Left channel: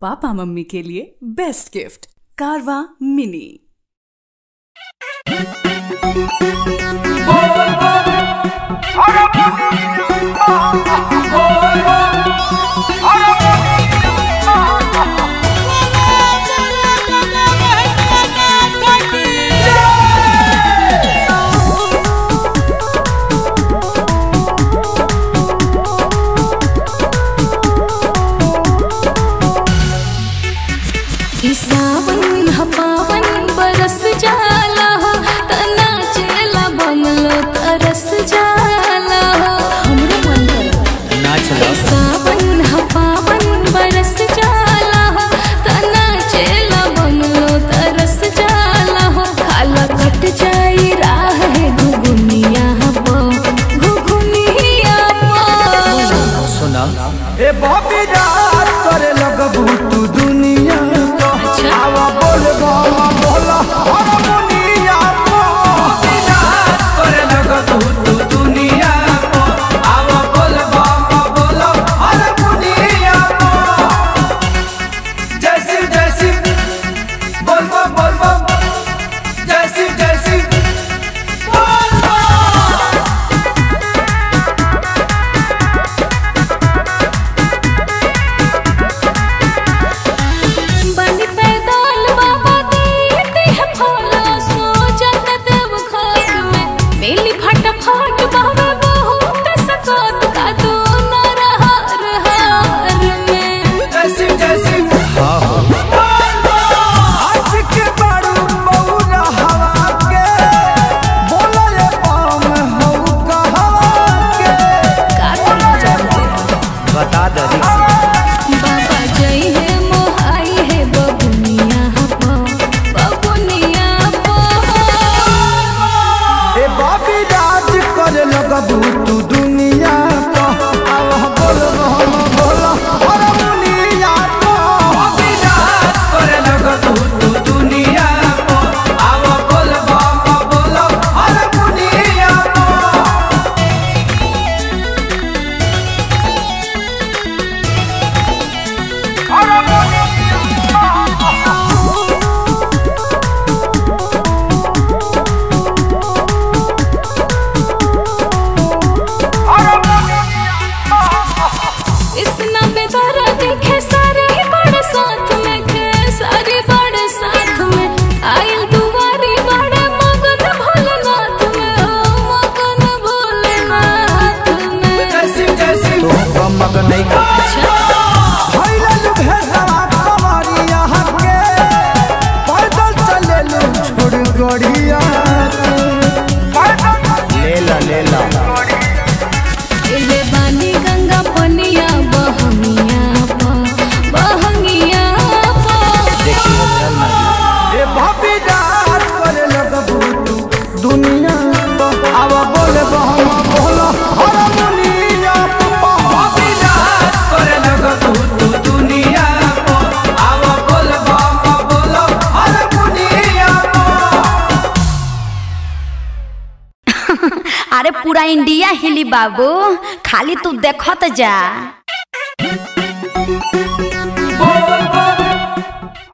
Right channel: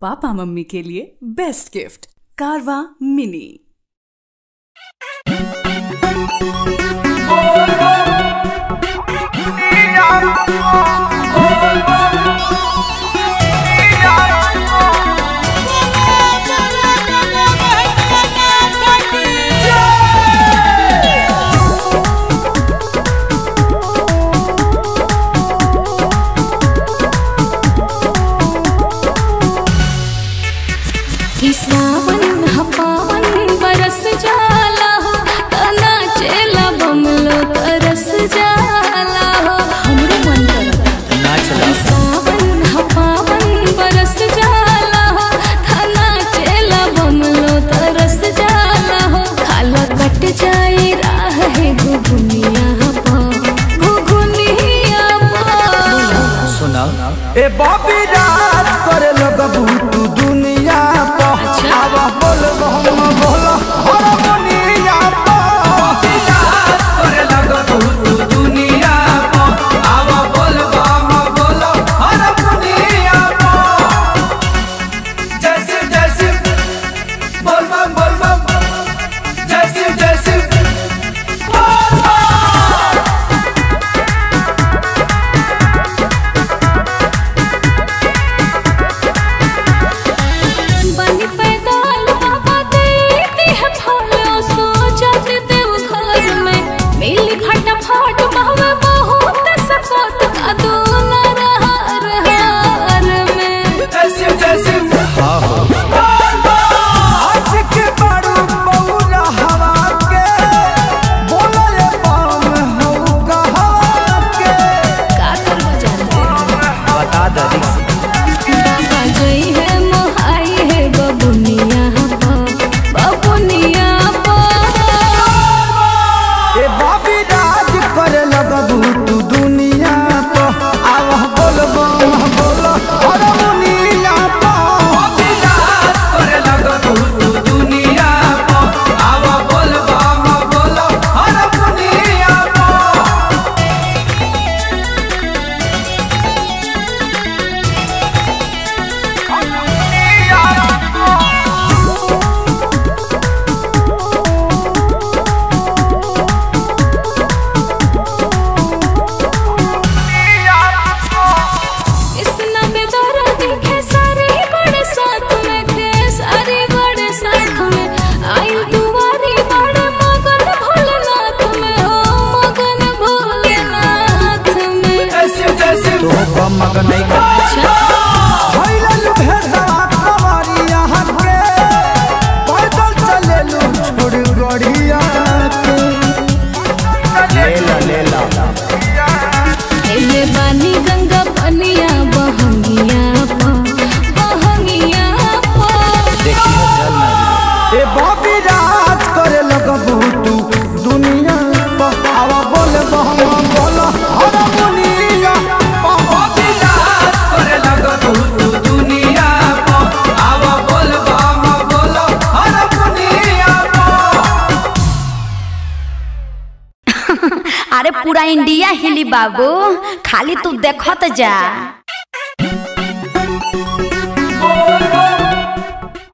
Papa mummy के लिए best gift कारवा मिनी। सुना ए बॉबी राज करे लगबू तू दुनिया को। अच्छा बोल बोल बोल दुनिया को करे लगबू तू दुनिया को। बोल बोल बोल दुनिया को। जैसे जैसे बोल बोल जैसे जैसे बता दरिक मगन नहीं कर। अच्छा भइललु भेसवा कमरिया के पैदल चलेलु छोड़ गड़िया के। लेला देवानी गंगा पनिया बहंगिया बहंगिया देखियो जल ना गिरे। ए बॉबी राज करे लगबू तू दुनिया को। अब बोल बोल दुनिया अरे पूरा इंडिया हिली बाबू, खाली तू देखत जा।